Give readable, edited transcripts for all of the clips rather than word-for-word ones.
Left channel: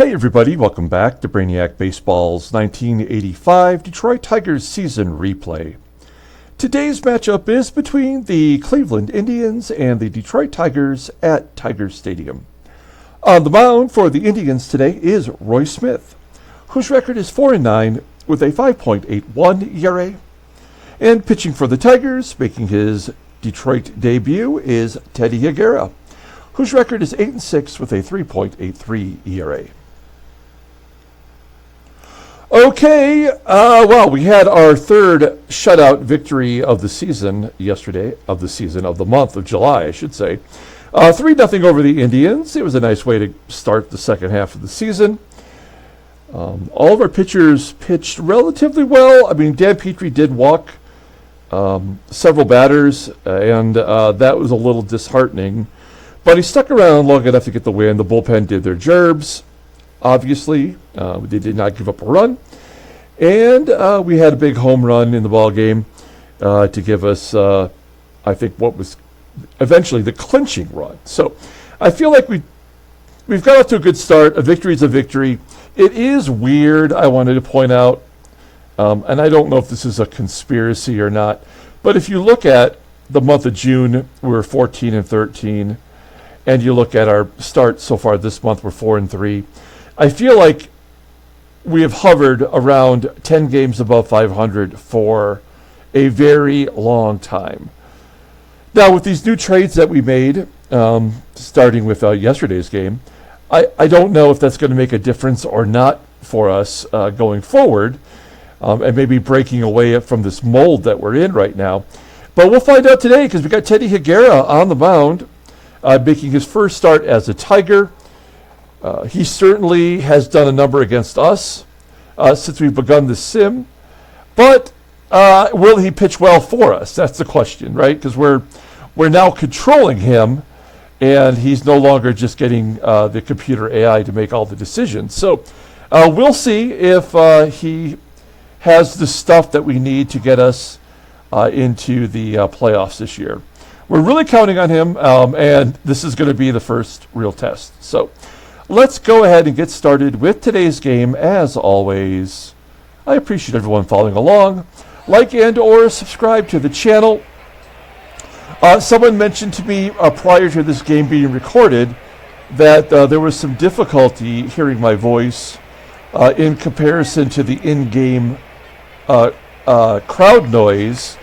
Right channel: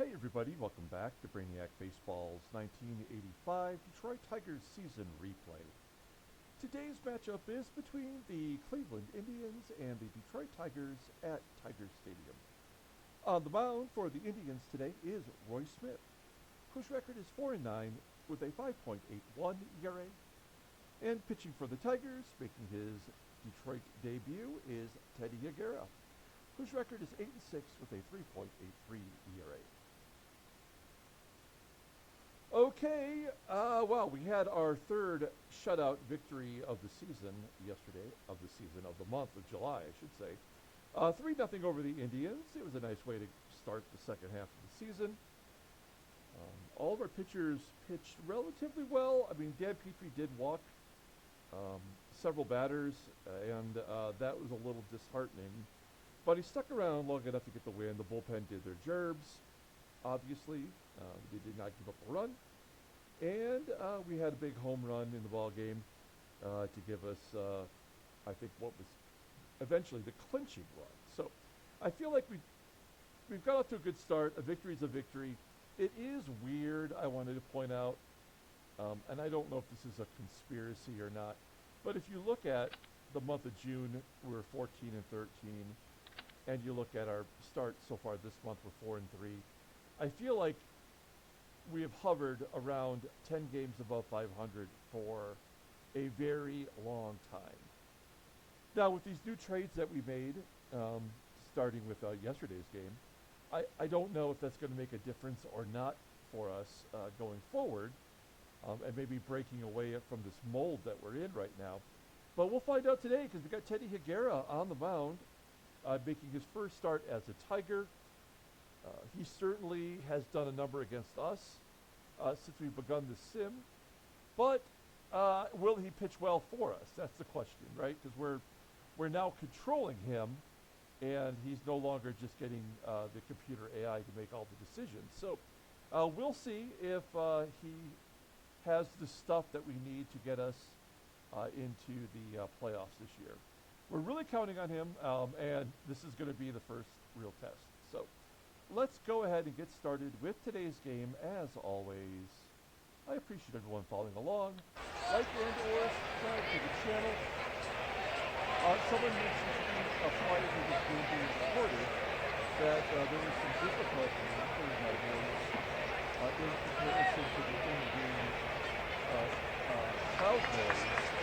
Hey everybody, welcome back to Brainiac Baseball's 1985 Detroit Tigers season replay. Today's matchup is between the Cleveland Indians and the Detroit Tigers at Tiger Stadium. On the mound for the Indians today is Roy Smith, whose record is 4-9 with a 5.81 ERA. And pitching for the Tigers, making his Detroit debut, is Teddy Higuera, whose record is 8-6 with a 3.83 ERA. Okay, well, we had our third shutout victory of the season yesterday, of the month of July, I should say. 3-0 over the Indians. It was a nice way to start the second half of the season. All of our pitchers pitched relatively well. I mean, Dan Petrie did walk several batters, and that was a little disheartening. But he stuck around long enough to get the win. The bullpen did their jobs. Obviously, they did not give up a run, and we had a big home run in the ball game to give us, I think, what was eventually the clinching run. So, I feel like we've got off to a good start. A victory is a victory. It is weird, I wanted to point out, and I don't know if this is a conspiracy or not, but if you look at the month of June, we were 14-13, and you look at our start so far this month, we're 4-3. I feel like we have hovered around 10 games above 500 for a very long time. Now, with these new trades that we made, starting with yesterday's game, I don't know if that's going to make a difference or not for us going forward, and maybe breaking away from this mold that we're in right now. But we'll find out today, because we got Teddy Higuera on the mound, making his first start as a Tiger. He certainly has done a number against us since we've begun the sim. But will he pitch well for us? That's the question, right? Because we're now controlling him, and he's no longer just getting the computer AI to make all the decisions. So we'll see if he has the stuff that we need to get us into the playoffs this year. We're really counting on him, and this is going to be the first real test. So let's go ahead and get started with today's game. As always, I appreciate everyone following along. Like and or subscribe to the channel. Someone mentioned to me prior to this game being recorded that there was some difficulty hearing my voice in comparison to the in-game crowd noise.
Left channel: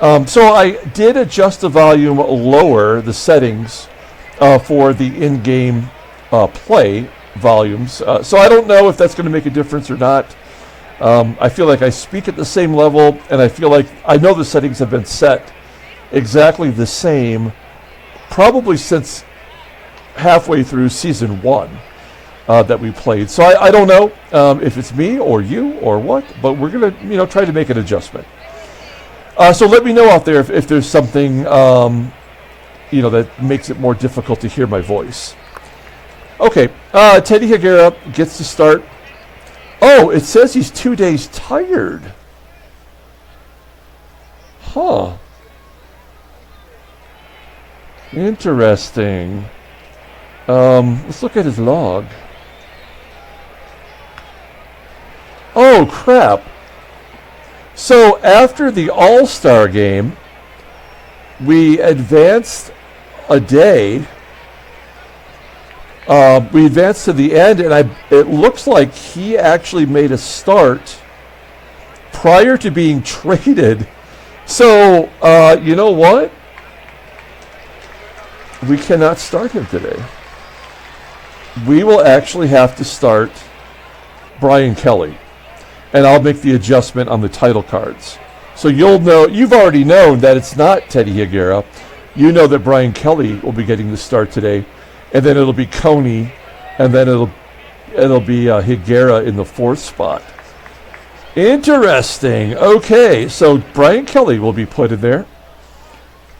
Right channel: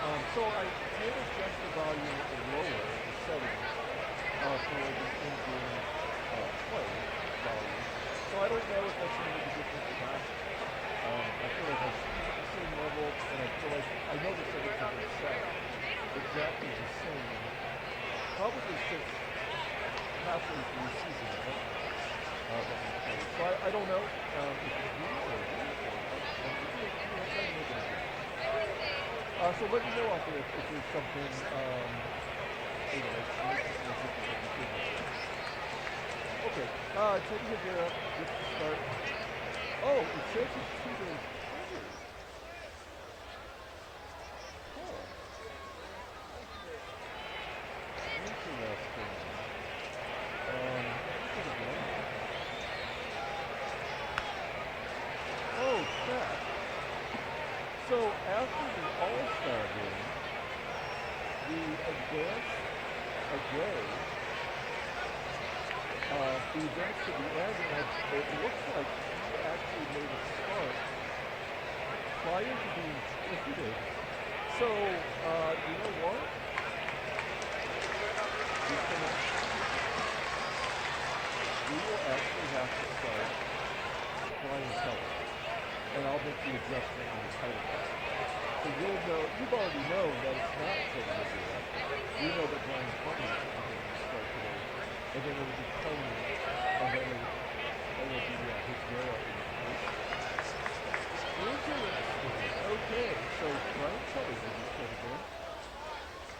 So I did adjust the volume lower, the settings for the in-game play volumes. So I don't know if that's going to make a difference or not. I feel like I speak at the same level, and I feel like I know the settings have been set exactly the same probably since halfway through season 1 that we played. So I don't know if it's me or you or what, but we're going to try to make an adjustment. So let me know out there if there's something that makes it more difficult to hear my voice. Okay, Teddy Higuera gets to start. Oh, it says he's 2 days tired. Huh. Interesting. Let's look at his log. Oh, crap. So after the All-Star game, we advanced a day. We advanced to the end, and it looks like he actually made a start prior to being traded. So, you know what? We cannot start him today. We will actually have to start Brian Kelly, and I'll make the adjustment on the title cards. So you'll know, you've already known that it's not Teddy Higuera. You know that Brian Kelly will be getting the start today. And then it'll be Coney, and then it'll be Higuera in the 4th spot. Interesting. Okay, so Brian Kelly will be put in there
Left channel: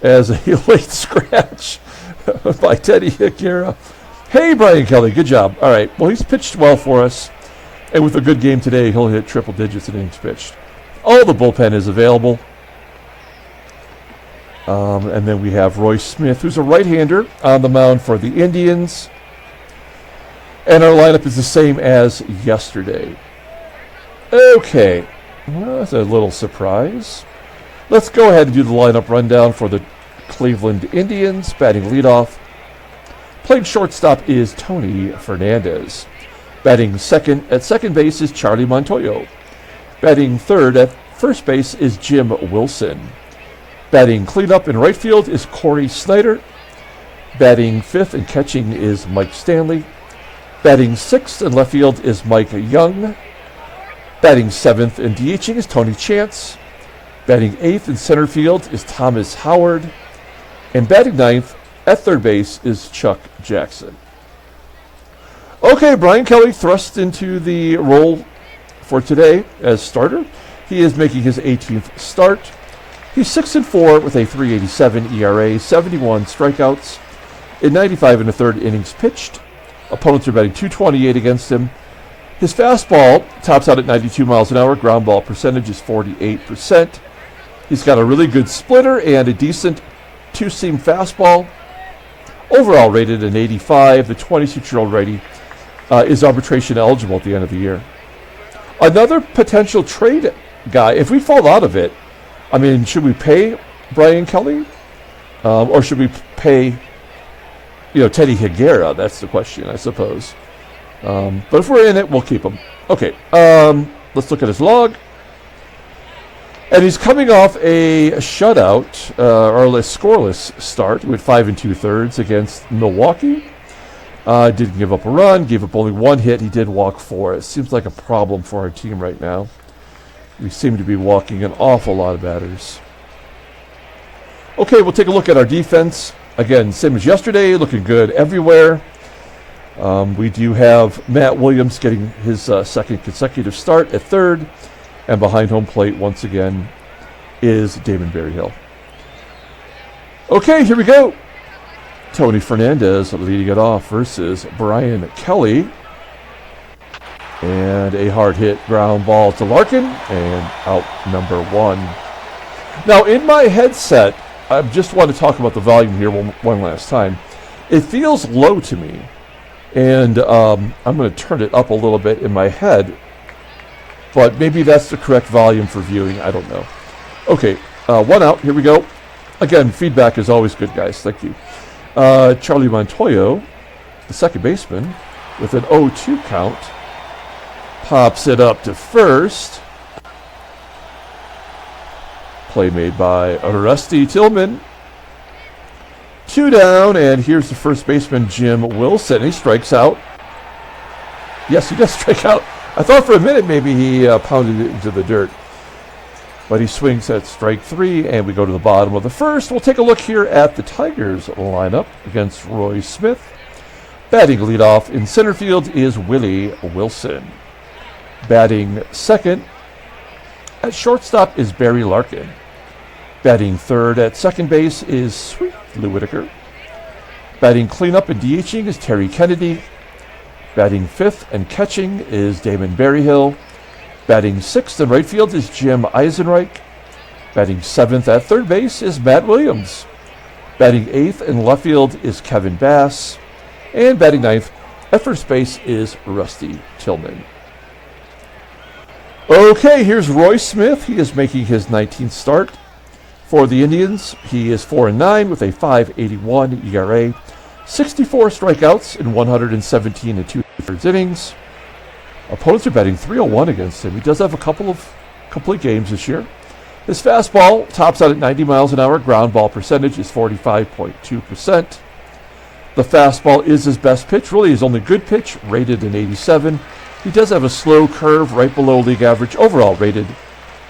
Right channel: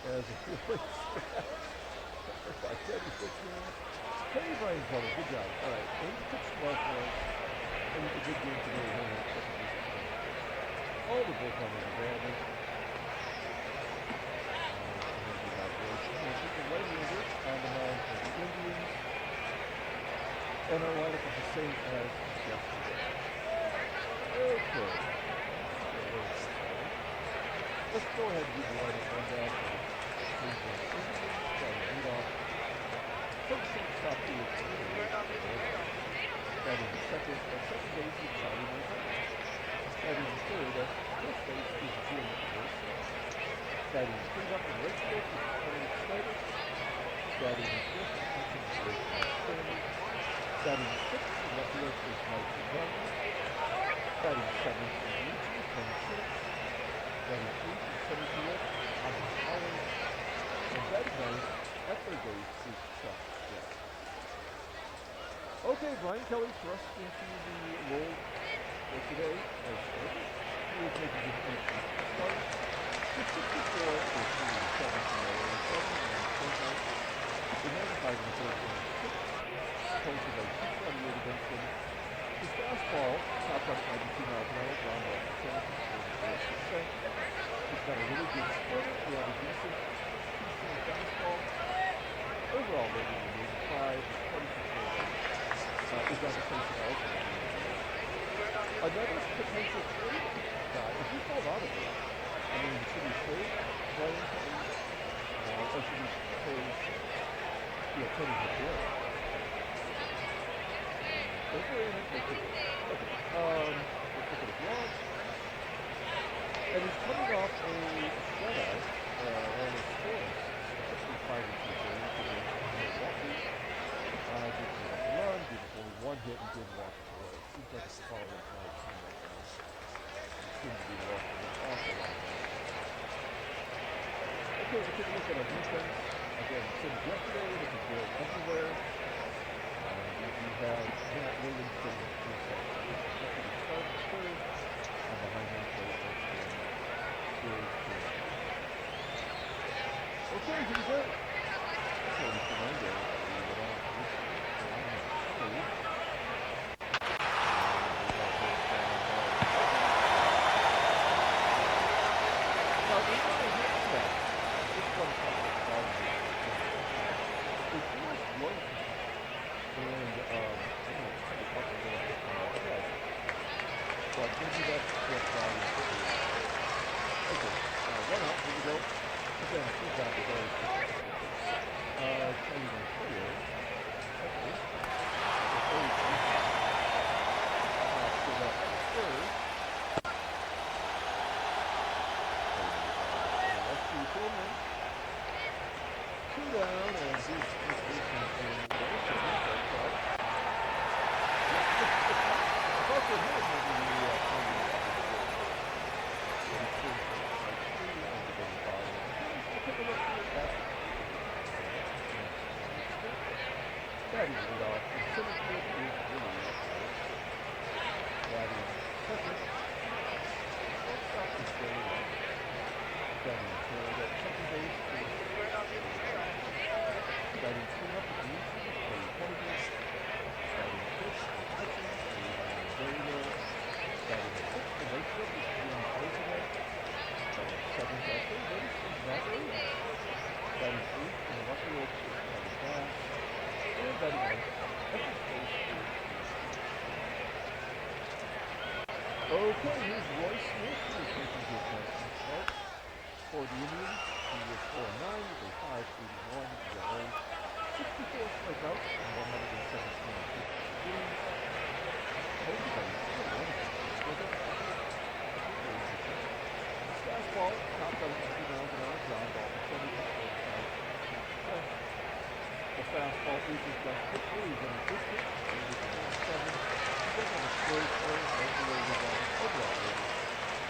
as a late scratch by Teddy Higuera. Hey, Brian Kelly, good job. All right, well, he's pitched well for us, and with a good game today, he'll hit triple digits in innings pitched. All the bullpen is available. And then we have Roy Smith, who's a right-hander on the mound for the Indians. And our lineup is the same as yesterday. Okay, well, that's a little surprise. Let's go ahead and do the lineup rundown for the Cleveland Indians. Batting leadoff. Playing shortstop is Tony Fernandez. Batting second at second base is Charlie Montoyo. Batting third at first base is Jim Wilson. Batting cleanup in right field is Cory SNYDER. Batting fifth and catching is Mike Stanley. Batting sixth in left field is Mike Young. Batting seventh and DHing is Tony Chance. Batting eighth in center field is Thomas Howard. And batting ninth at third base is Chuck Jackson. Okay, Brian Kelly thrust into the role for today as starter. He is making his 18th start. He's 6-4 with a 3.87 ERA, 71 strikeouts in 95 and a third innings pitched. Opponents are batting .228 against him. His fastball tops out at 92 miles an hour. Ground ball percentage is 48%. He's got a really good splitter and a decent two-seam fastball. Overall rated an 85. The 26-year-old righty is arbitration eligible at the end of the year. Another potential trade guy, if we fall out of it, I mean, should we pay Brian Kelly? Or should we pay, Teddy Higuera? That's the question, I suppose. But if we're in it, we'll keep him. Okay, let's look at his log. And he's coming off a shutout, or a scoreless start with 5 2/3 against Milwaukee. Didn't give up a run, gave up only one hit. He did walk 4. It seems like a problem for our team right now. We seem to be walking an awful lot of batters. Okay, we'll take a look at our defense. Again, same as yesterday, looking good everywhere. We do have Matt Williams getting his second consecutive start at third. And behind home plate, once again, is Damon Berryhill. Okay, here we go. Tony Fernandez leading it off versus Brian Kelly. And a hard hit ground ball to Larkin, and out number 1. Now, in my headset, I just want to talk about the volume here one last time. It feels low to me, and I'm going to turn it up a little bit in my head, but maybe that's the correct volume for viewing. I don't know. Okay, 1 out. Here we go. Again, feedback is always good, guys. Thank you. Charlie Montoyo, the second baseman, with an 0-2 count, pops it up to first. Play made by Rusty Tillman. 2 down, and here's the first baseman, Jim Wilson. He strikes out. Yes, he does strike out. I thought for a minute maybe he pounded it into the dirt. But he swings at strike 3, and we go to the bottom of the first. We'll take a look here at the Tigers lineup against Roy Smith. Batting leadoff in center field is Willie Wilson. Batting second at shortstop is Barry Larkin. Batting third at second base is Whitaker. Batting cleanup and DHing is Terry Kennedy. Batting fifth and catching is Damon Berryhill. Batting sixth in right field is Jim EISENREICH. Batting seventh at third base is Matt Williams. Batting eighth in left field is Kevin Bass. And batting ninth at first base is Rusty Tillman. Okay, here's Roy Smith. He is making his 19th start for the Indians. He is 4-9 with a 5.81 ERA, 64 strikeouts in 117 2/3 innings. Opponents are batting .301 against him. He does have a couple of complete games this year. His fastball tops out at 90 miles an hour. Ground ball percentage is 45.2%. The fastball is his best pitch, really his only good pitch, rated an 87. He does have a slow curve right below league average, overall rated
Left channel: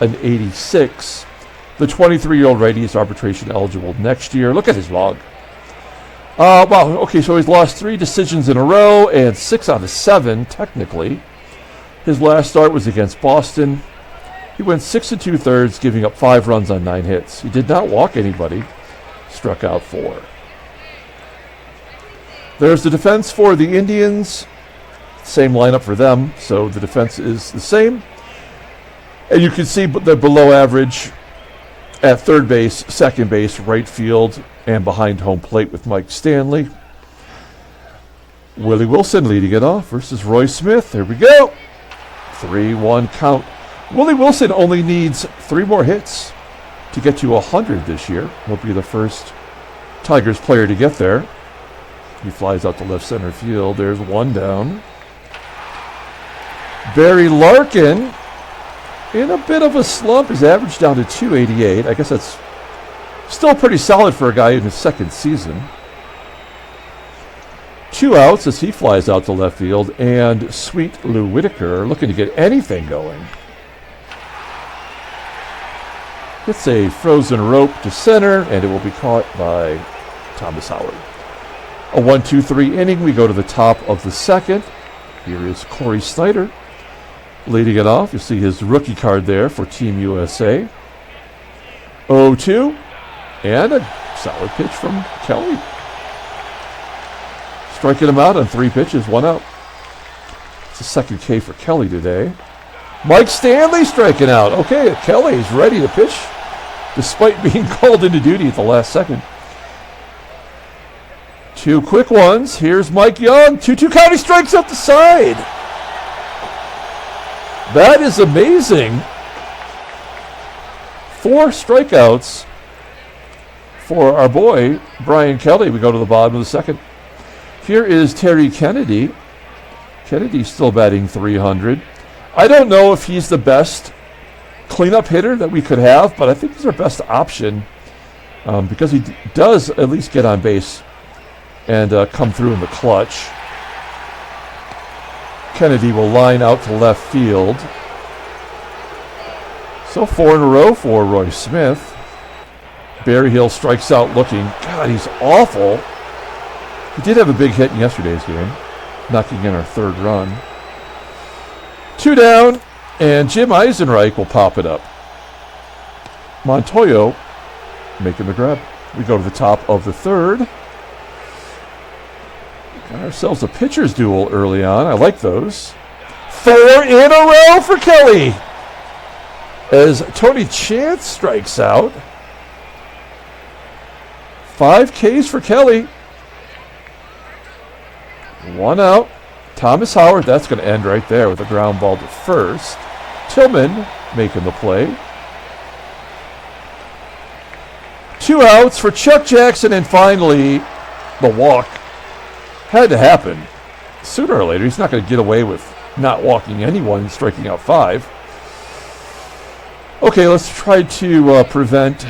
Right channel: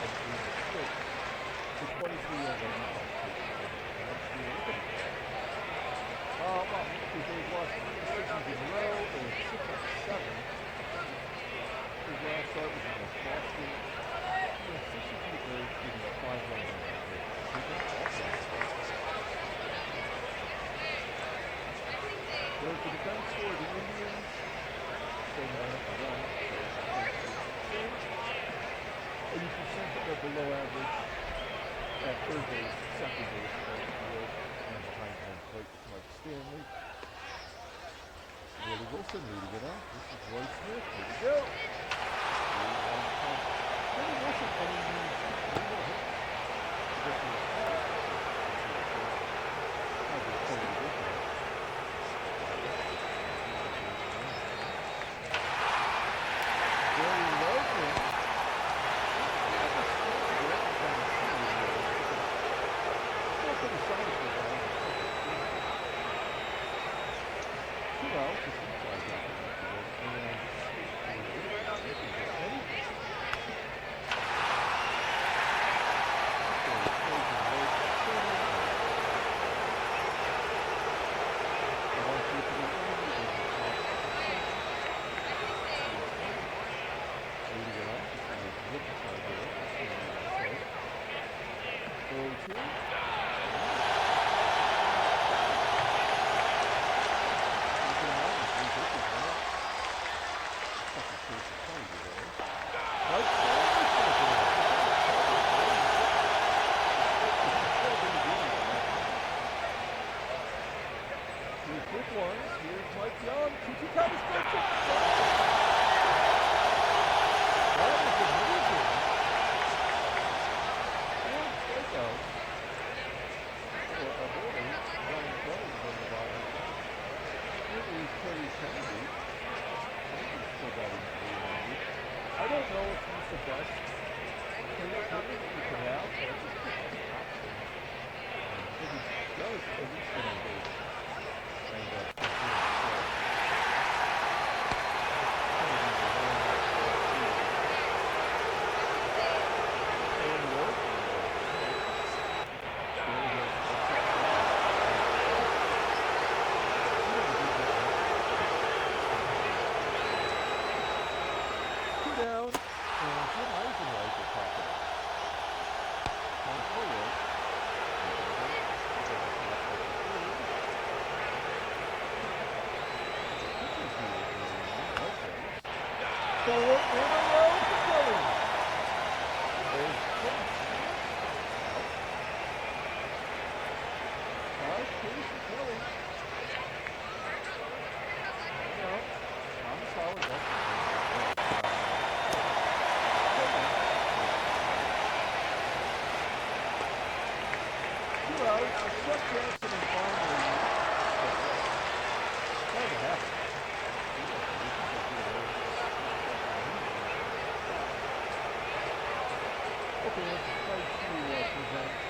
an 86. The 23-year-old righty is arbitration eligible next year. Look at his log. Wow, okay, so he's lost 3 decisions in a row and 6 out of 7, technically. His last start was against Boston. He went 6 2/3, giving up 5 runs on 9 hits. He did not walk anybody, struck out 4. There's the defense for the Indians. Same lineup for them, so the defense is the same. And you can see they're below average at third base, second base, right field, and behind home plate with Mike Stanley. Willie Wilson leading it off versus Roy Smith. Here we go. 3-1 count. Willie Wilson only needs 3 more hits to get to 100 this year. He'll be the first Tigers player to get there. He flies out to left center field. There's 1 down. Barry Larkin in a bit of a slump. His average down to 288. I guess that's still pretty solid for a guy in his 2nd season. 2 outs as he flies out to left field. And Sweet Lou Whitaker looking to get anything going. Hits a frozen rope to center, and it will be caught by Thomas Howard. A 1-2-3 inning. We go to the top of the 2nd. Here is Cory SNYDER leading it off. You see his rookie card there for Team USA. 0-2, and a solid pitch from Kelly. Striking him out on 3 pitches, 1 out. It's a 2nd K for Kelly today. Mike Stanley striking out. Okay, Kelly is ready to pitch despite being called into duty at the last second. 2 quick ones. Here's Mike Young. 2-2 count. He strikes up the side. That is amazing. 4 strikeouts for our boy, Bryan Kelly. We go to the bottom of the 2nd. Here is Terry Kennedy. Kennedy's still batting .300. I don't know if he's the best cleanup hitter that we could have, but I think he's our best option because he does at least get on base and come through in the clutch. Kennedy will line out to left field. So 4 in a row for Roy Smith. Berryhill strikes out looking. God, he's awful. He did have a big hit in yesterday's game, knocking in our 3rd run. 2 down, and Jim EISENREIch will pop it up. Montoyo making the grab. We go to the top of the 3rd. Got ourselves a pitcher's duel early on. I like those. 4 in a row for Kelly as Tony Chance strikes out. 5 Ks for Kelly. 1 out. Thomas Howard, that's going to end right there with a ground ball to first. Tillman making the play. 2 outs for Chuck Jackson, and finally the walk. Had to happen. Sooner or later, he's not going to get away with not walking anyone, striking out 5. Okay, let's try to prevent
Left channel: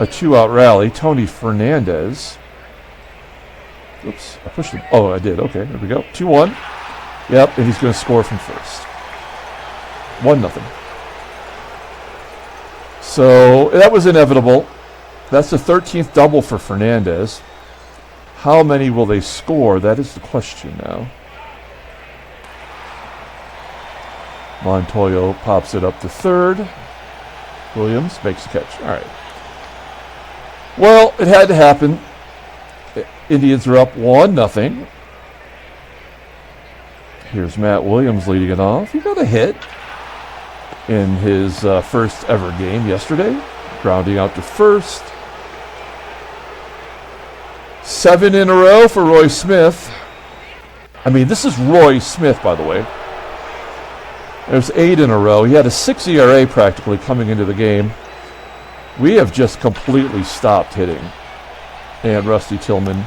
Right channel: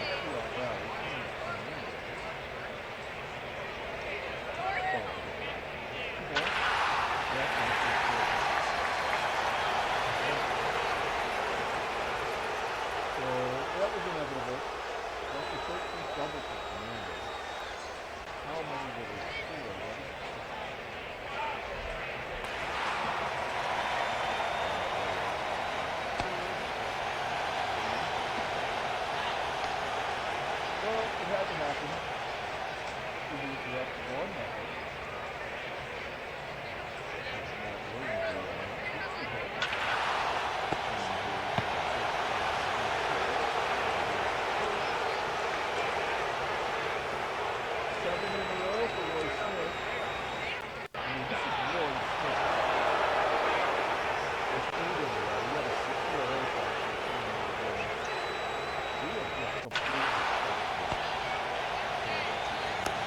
a 2-out rally. Tony Fernandez. Oops, I pushed him. Oh, I did. Okay, there we go. 2-1. Yep, and he's going to score from first. 1-0. So that was inevitable. That's the 13th double for Fernandez. How many will they score? That is the question now. Montoyo pops it up to 3rd. Williams makes the catch. All right. Well, it had to happen. Indians are up 1-0. Here's Matt Williams leading it off. He got a hit in his first ever game yesterday, grounding out to first. 7 in a row for Roy Smith. I mean, this is Roy Smith, by the way. There's 8 in a row. He had a 6 ERA practically coming into the game. We have just completely stopped hitting. And Rusty Tillman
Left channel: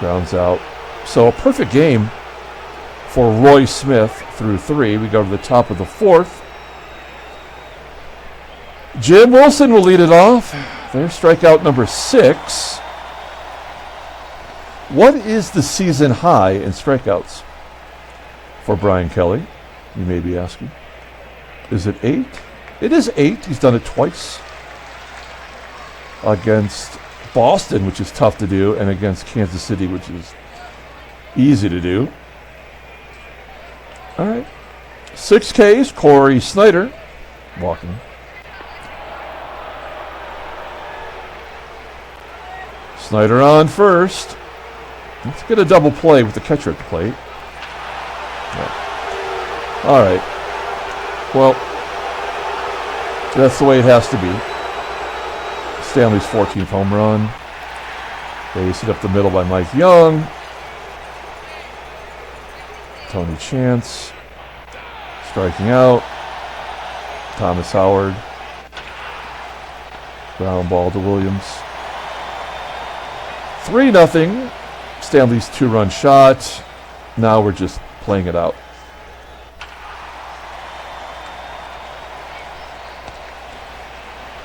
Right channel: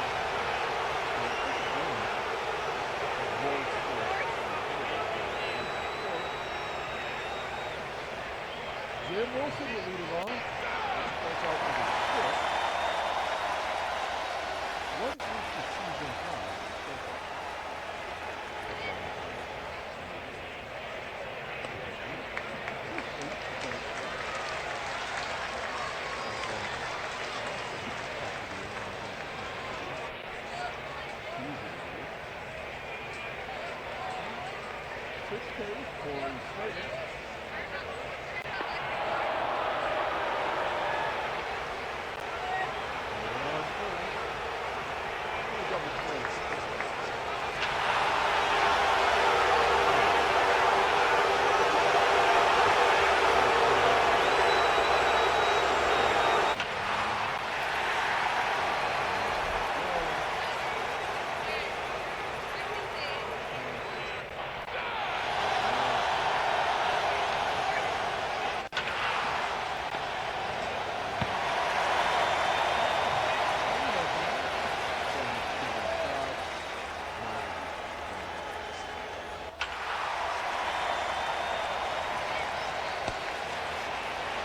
grounds out. So a perfect game for Roy Smith through 3. We go to the top of the 4th. Jim Wilson will lead it off. There's strikeout number 6. What is the season high in strikeouts for Bryan Kelly? You may be asking. Is it 8? It is 8. He's done it twice. Against Boston, which is tough to do, and against Kansas City, which is easy to do. All right. 6 Ks, Cory SNYDER walking. SNYDER on first. Let's get a double play with the catcher at the plate. Yeah. All right. Well, that's the way it has to be. Stanley's 14th home run. Raced it up the middle by Mike Young. Tony Chance striking out. Thomas Howard. Ground ball to Williams. 3-0. Stanley's 2-run shot. Now we're just playing it out.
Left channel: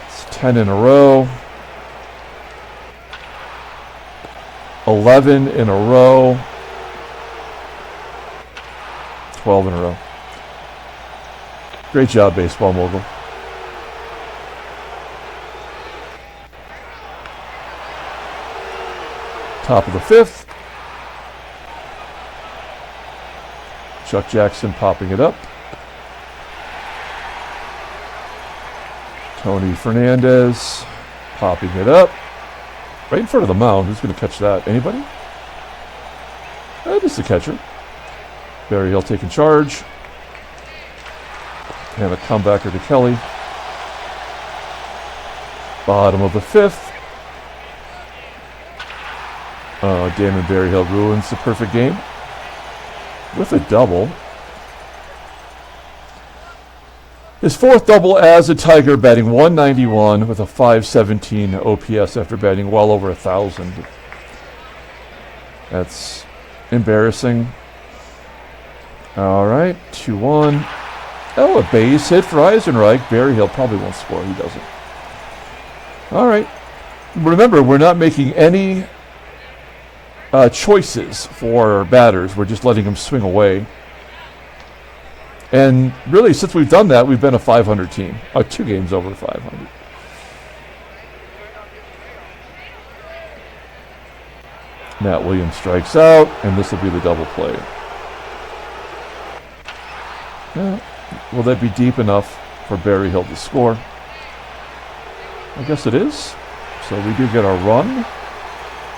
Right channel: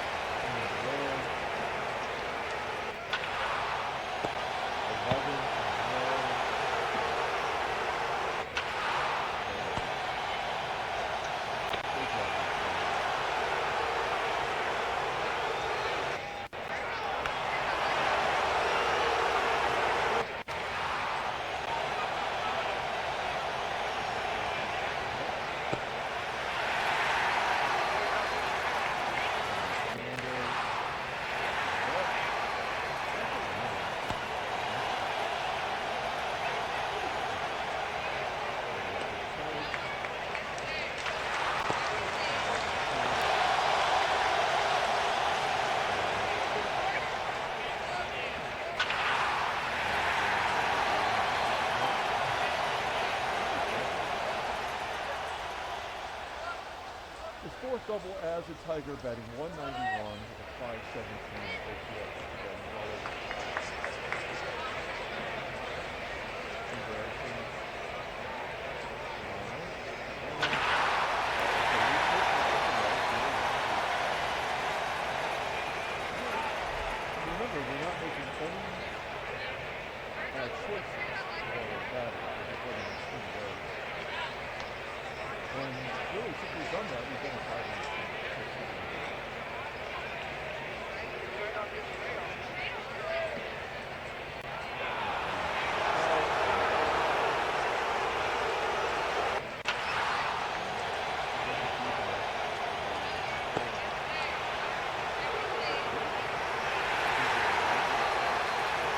It's 10 in a row. 11 in a row. 12 in a row. Great job, baseball mogul. Top of the 5th. Chuck Jackson popping it up. Tony Fernandez popping it up. Right in front of the mound. Who's going to catch that? Anybody? Just the catcher. Berryhill taking charge. And a comebacker to Kelly. Bottom of the 5th. Damon Berryhill ruins the perfect game with a double. His 4th double as a Tiger, batting 191 with a 517 OPS after batting well over 1,000. That's embarrassing. All right, 2-1. Oh, a base hit for EISENREIch. Berryhill probably won't score. He doesn't. All right. Remember, we're not making any choices for batters. We're just letting them swing away. And really, since we've done that, we've been a 500 team. 2 games over 500. Matt Williams strikes out, and this will be the double play. Well, will that be deep enough for Berryhill to score? I guess it is. So we do get our run.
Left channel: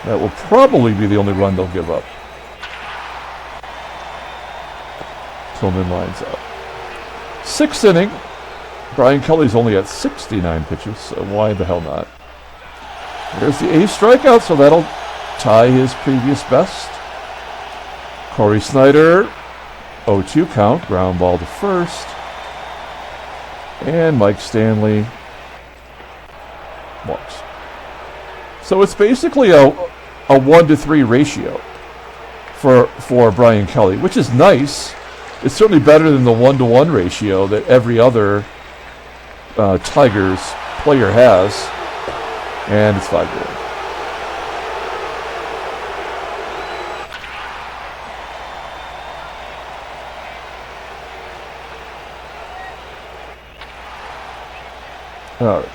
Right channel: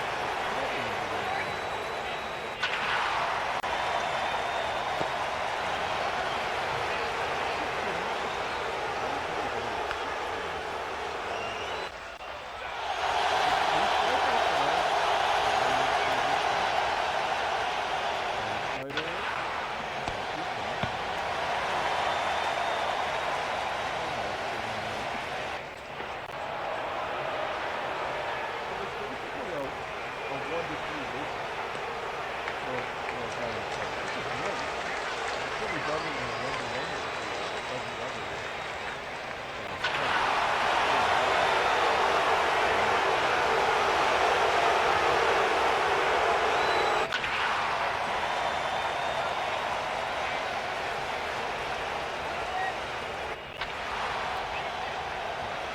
That will probably be the only run they'll give up. Tillman lines up. 6th inning. Brian Kelly's only at 69 pitches, so why the hell not? There's the 8th strikeout, so that'll tie his previous best. Cory SNYDER, 0-2 count, ground ball to first. And Mike Stanley walks. So it's basically a 1-to-3 ratio for Brian Kelly, which is nice. It's certainly better than the 1-to-1 ratio that every other Tigers player has. And it's 5-1. All right.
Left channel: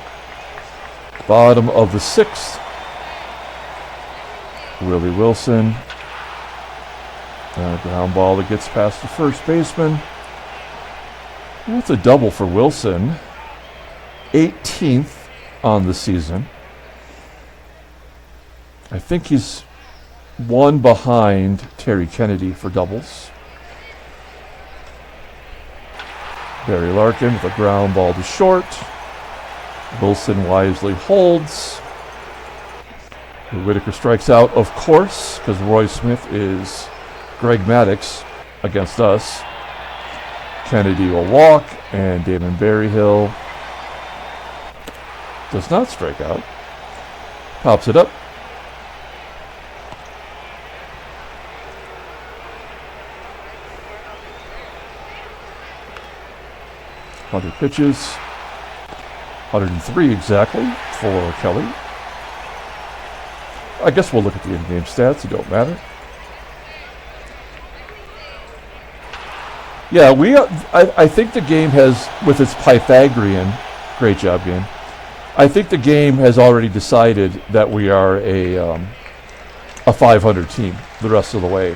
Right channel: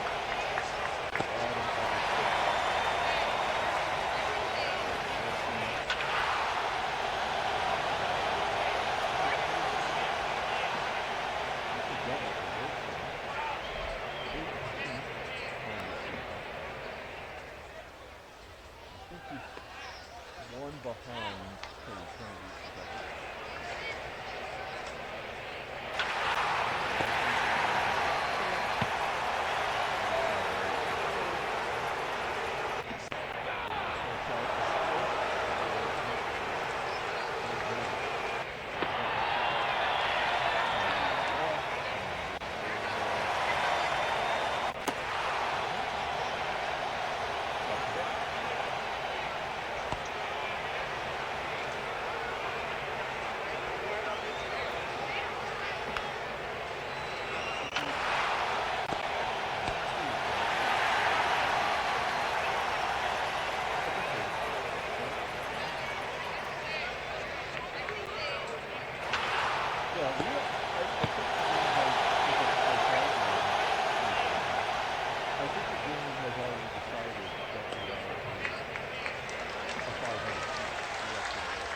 Bottom of the 6th. Willie Wilson. Ground ball that gets past the first baseman. That's a double for Wilson. 18th on the season. I think he's one behind Terry Kennedy for doubles. Barry Larkin with a ground ball to short. Wilson wisely holds. Whitaker strikes out, of course, because Roy Smith is Greg Maddux against us. Kennedy will walk, and Damon Berryhill does not strike out. Pops it up. Other pitches. 103 exactly for Kelly. I guess we'll look at the in-game stats. It don't matter. Yeah, I think the game has, with its Pythagorean, great job, Dan. I think the game has already decided that we are a 500 team the rest of the way.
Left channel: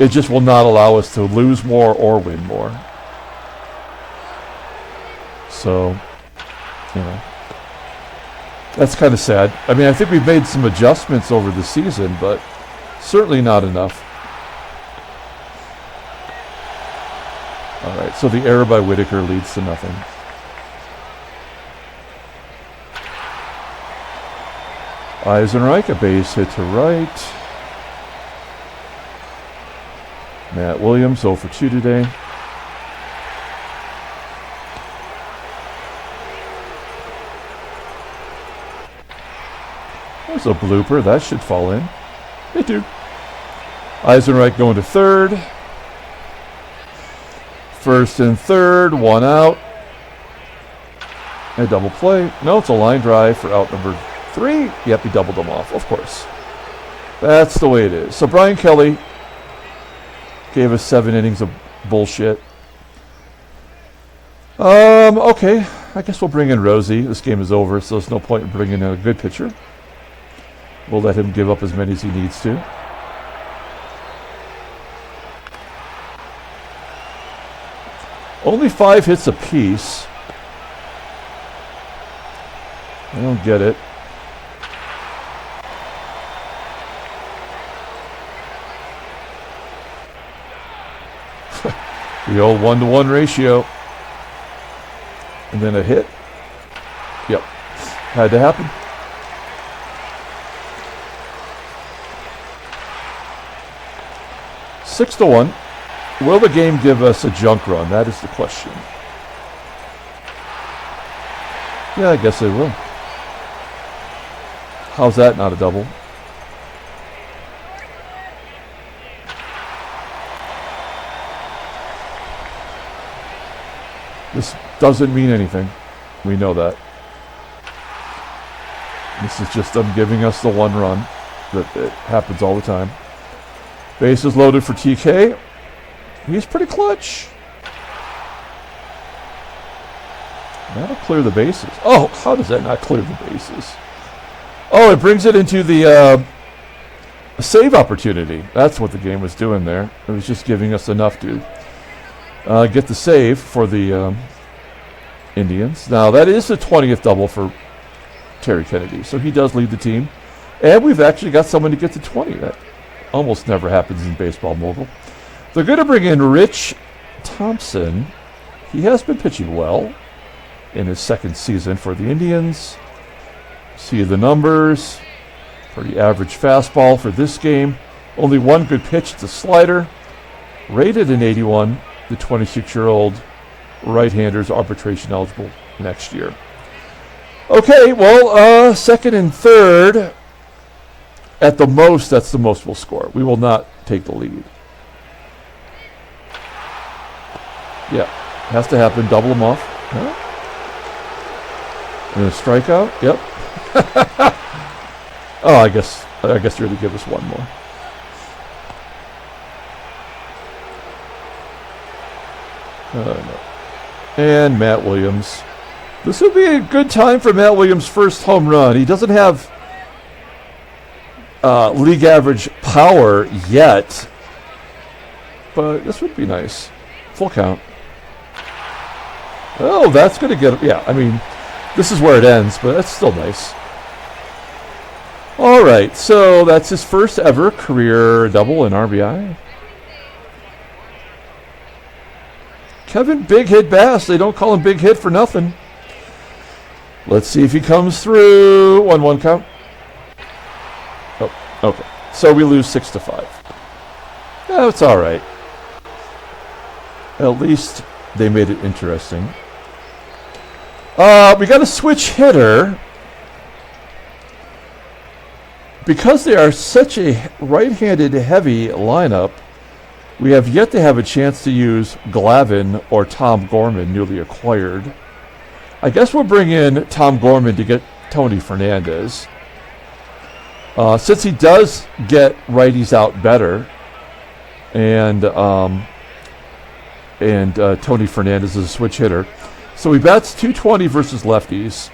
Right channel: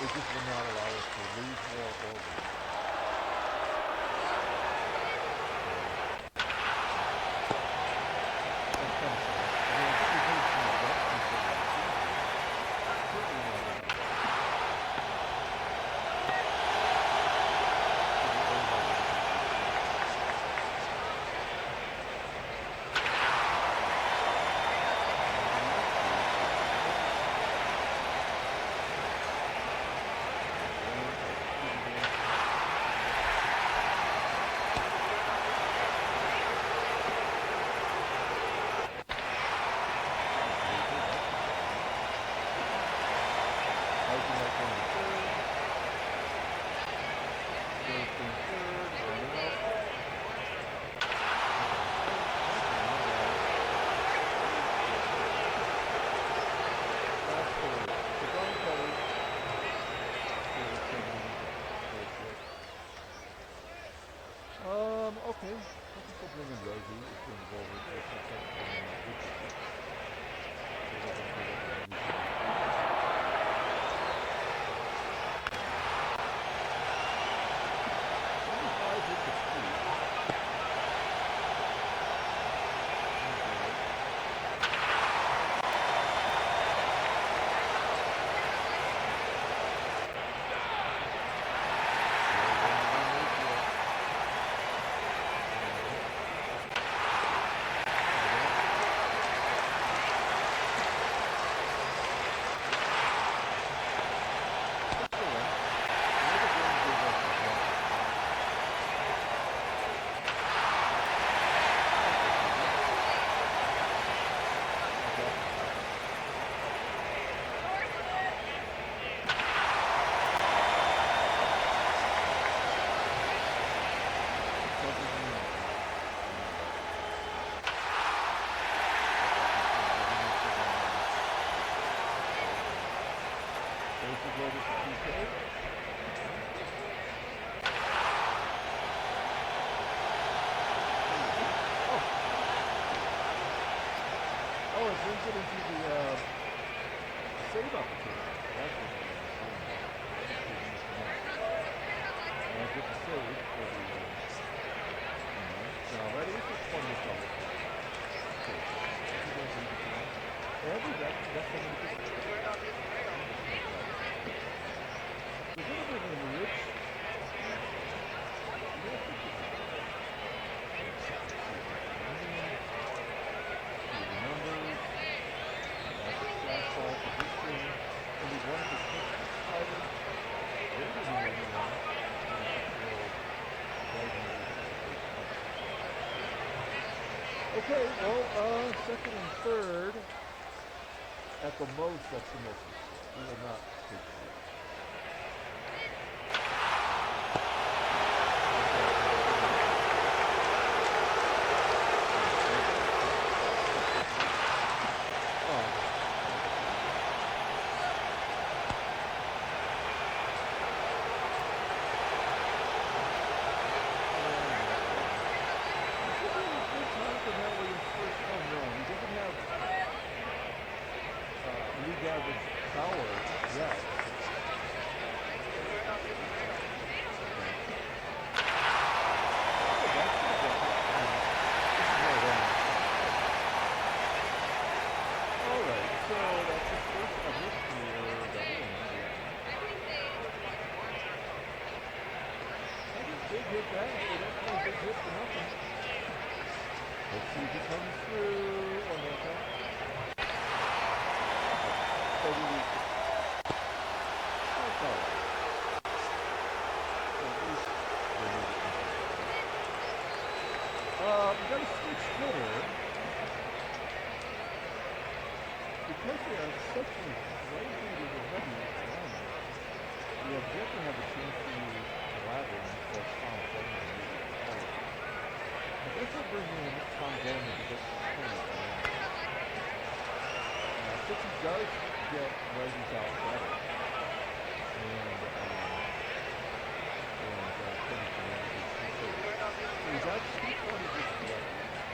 It just will not allow us to lose more or win more. So, you know, that's kind of sad. I mean, I think we've made some adjustments over the season, but certainly not enough. All right, so the error by Whitaker leads to nothing. EISENREIch, a base hit to right. Matt Williams 0 for 2 today. There's a blooper. That should fall in. Hey, dude. EISENREICH going to third. First and third. One out. A double play. No, it's a line drive for out number 3. Yep, he doubled them off, of course. That's the way it is. So Brian Kelly gave us 7 innings of bullshit. Okay. I guess we'll bring in Rosie. This game is over, so there's no point in bringing in a good pitcher. We'll let him give up as many as he needs to. Only 5 hits apiece. I don't get it. The old 1-to-1 ratio. And then a hit. Yep. Had to happen. Six to 1. Will the game give us a junk run? That is the question. Yeah, I guess it will. How's that not a double? This doesn't mean anything. We know that. This is just them giving us the one run. That it happens all the time. Bases loaded for TK. He's pretty clutch. That'll clear the bases. Oh, how does that not clear the bases? Oh, it brings it into the save opportunity. That's what the game was doing there. It was just giving us enough to get the save for the Indians. Now, that is the 20th double for Terry Kennedy, so he does lead the team. And we've actually got someone to get to 20. That almost never happens in baseball mogul. They're going to bring in Rich Thompson. He has been pitching well in his second season for the Indians. See the numbers. Pretty average fastball for this game. Only one good pitch. It's a slider. Rated an 81. The 26-year-old right-hander's arbitration eligible next year. Okay, well, second and third. At the most, that's the most we'll score. We will not take the lead. Yeah, has to happen. Double them off. Huh? And a strikeout. Yep. Oh, I guess you're going to give us one more. And Matt Williams. This would be a good time for Matt Williams' first home run. He doesn't have league average power yet, but this would be nice. Full count. Oh, that's going to get... Yeah, I mean, this is where it ends, but that's still nice. All right, so that's his first ever career double in RBI. Kevin Big Hit Bass. They don't call him Big Hit for nothing. Let's see if he comes through. 1-1 count. Oh, okay. So we lose 6-5. That's all right. At least they made it interesting. We got a switch hitter. Because they are such a right-handed heavy lineup, we have yet to have a chance to use Glavine or Tom Gorman, newly acquired. I guess we'll bring in Tom Gorman to get Tony Fernandez. Since he does get righties out better, and Tony Fernandez is a switch hitter. So he bats .220 versus lefties.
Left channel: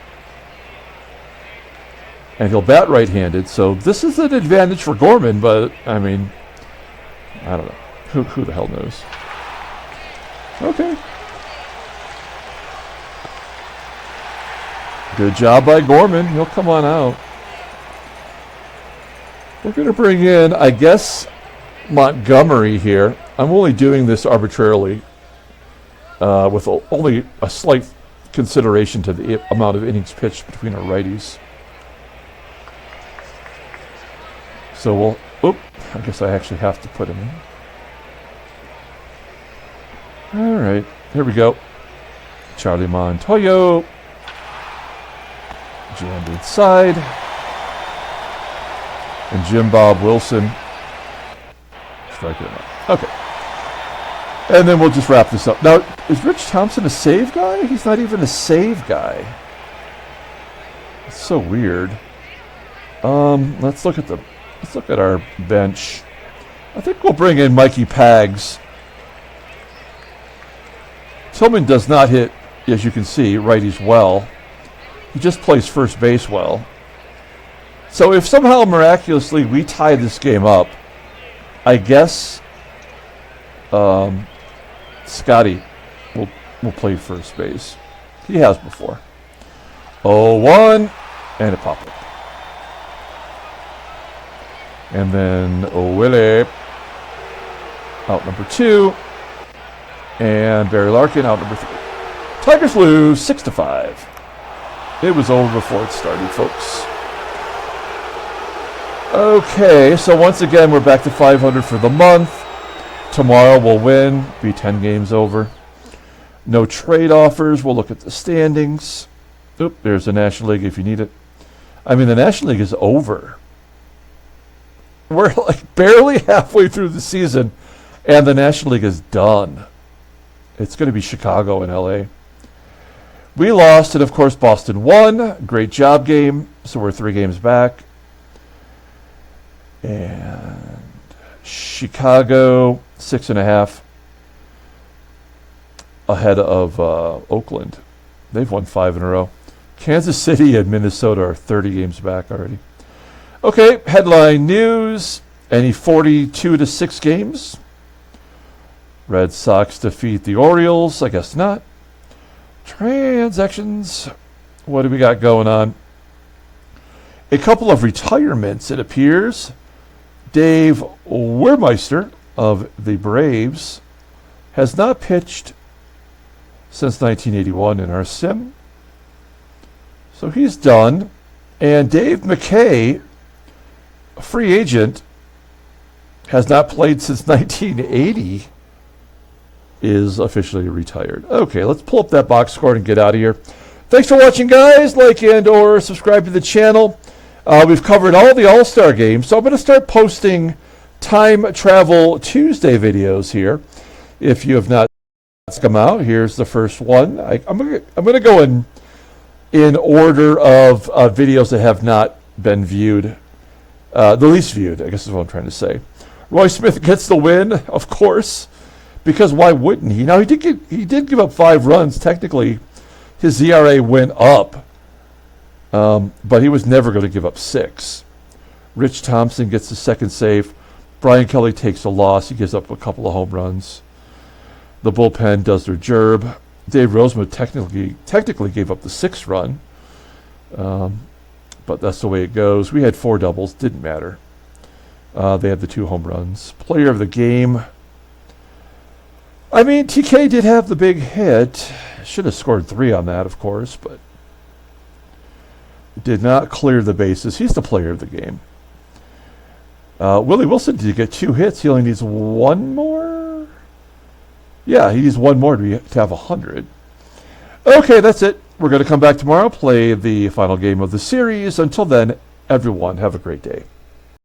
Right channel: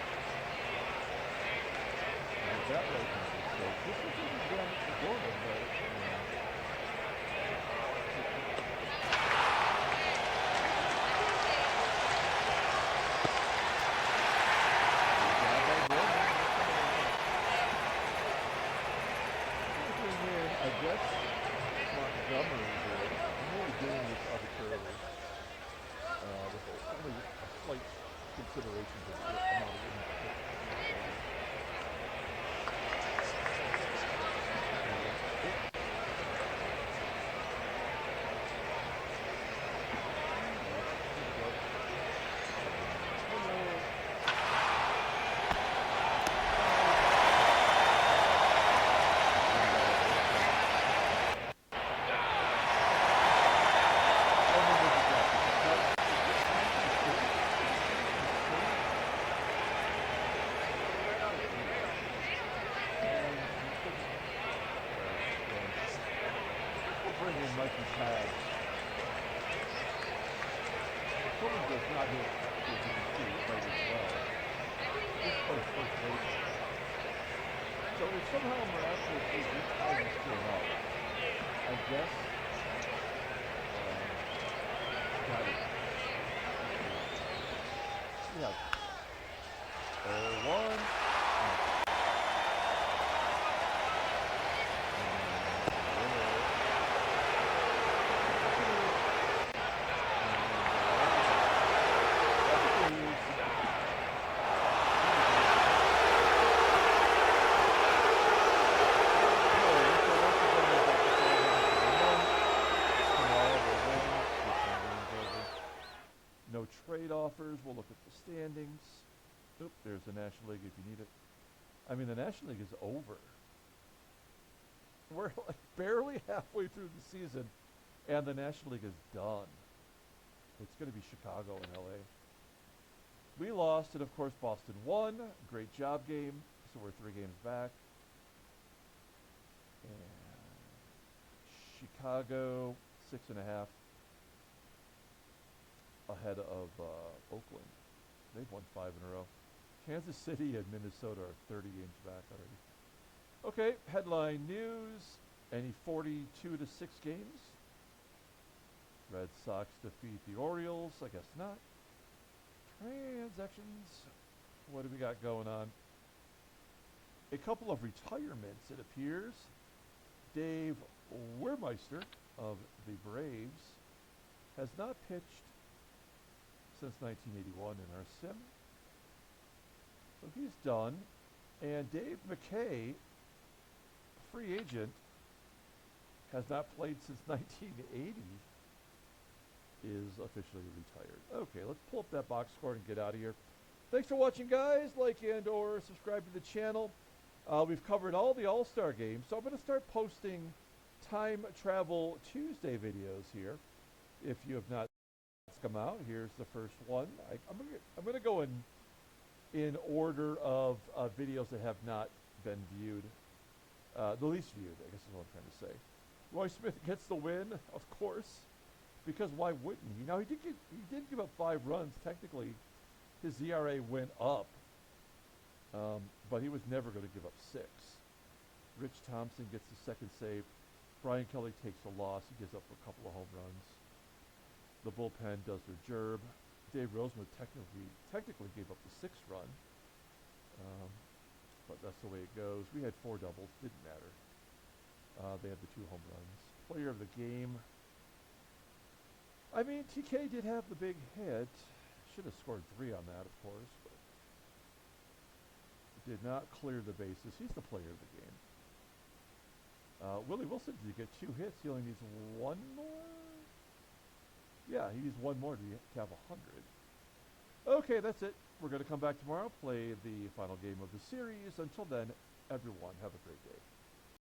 And he'll bat right-handed, so this is an advantage for Gorman, but, I mean, I don't know. Who the hell knows? Okay. Good job by Gorman. He'll come on out. We're going to bring in, I guess, Montgomery here. I'm only doing this arbitrarily with only a slight consideration to the amount of innings pitched between our righties. So we'll... Oop, I guess I actually have to put him in. All right, here we go. Charlie Montoyo. Jammed inside. And Jim Bob Wilson. Strike it out. Okay. And then we'll just wrap this up. Now, is Rich Thompson a save guy? He's not even a save guy. It's so weird. Let's look at our bench. I think we'll bring in Mikey Pags. Tillman does not hit, as you can see, righties well. He just plays first base well. So if somehow miraculously we tie this game up, I guess Scotty will play first base. He has before. 0-1 and a pop-up. And then Willie out number 2. And Barry Larkin out number 3. Tigers lose 6-5. It was over before it started, folks. Okay, so once again, we're back to 500 for the month. Tomorrow we'll win, be 10 games over. No trade offers. We'll look at the standings. Oop, there's the National League if you need it. I mean, the National League is over. We're like barely halfway through the season, and the National League is done. It's going to be Chicago and LA. We lost, and of course, Boston won. Great job game. So we're 3 games back. And Chicago, 6.5 ahead of Oakland. They've won 5 in a row. Kansas City and Minnesota are 30 games back already. Okay, headline news. Any 42-6 games? Red Sox defeat the Orioles. I guess not. Transactions. What do we got going on? A couple of retirements, it appears. Dave Wehrmeister of the Braves has not pitched since 1981 in our sim. So he's done. And Dave McKay, a free agent, has not played since 1980, is officially retired. Okay, let's pull up that box score and get out of here. Thanks for watching, guys. Like and or subscribe to the channel. We've covered all the All-Star games, so I'm going to start posting Time Travel Tuesday videos here. If you have not come out, here's the first one. I'm going to go in order of videos that have not been viewed, the least viewed, I guess is what I'm trying to say. Roy Smith gets the win, of course, because why wouldn't he? Now, he did give up 5 runs. Technically, his ERA went up, but he was never going to give up 6. Rich Thompson gets the second save. Brian Kelly takes a loss. He gives up a couple of home runs. The bullpen does their job. Dave Roseman technically gave up the 6th run, but that's the way it goes. We had 4 doubles. Didn't matter. They had the 2 home runs. Player of the game. I mean, TK did have the big hit. Should have scored 3 on that, of course, but did not clear the bases. He's the player of the game. Willie Wilson did get 2 hits. He only needs 1 more? Yeah, he needs 1 more to have 100. Okay, that's it. We're going to come back tomorrow, play the final game of the series. Until then, everyone, have a great day.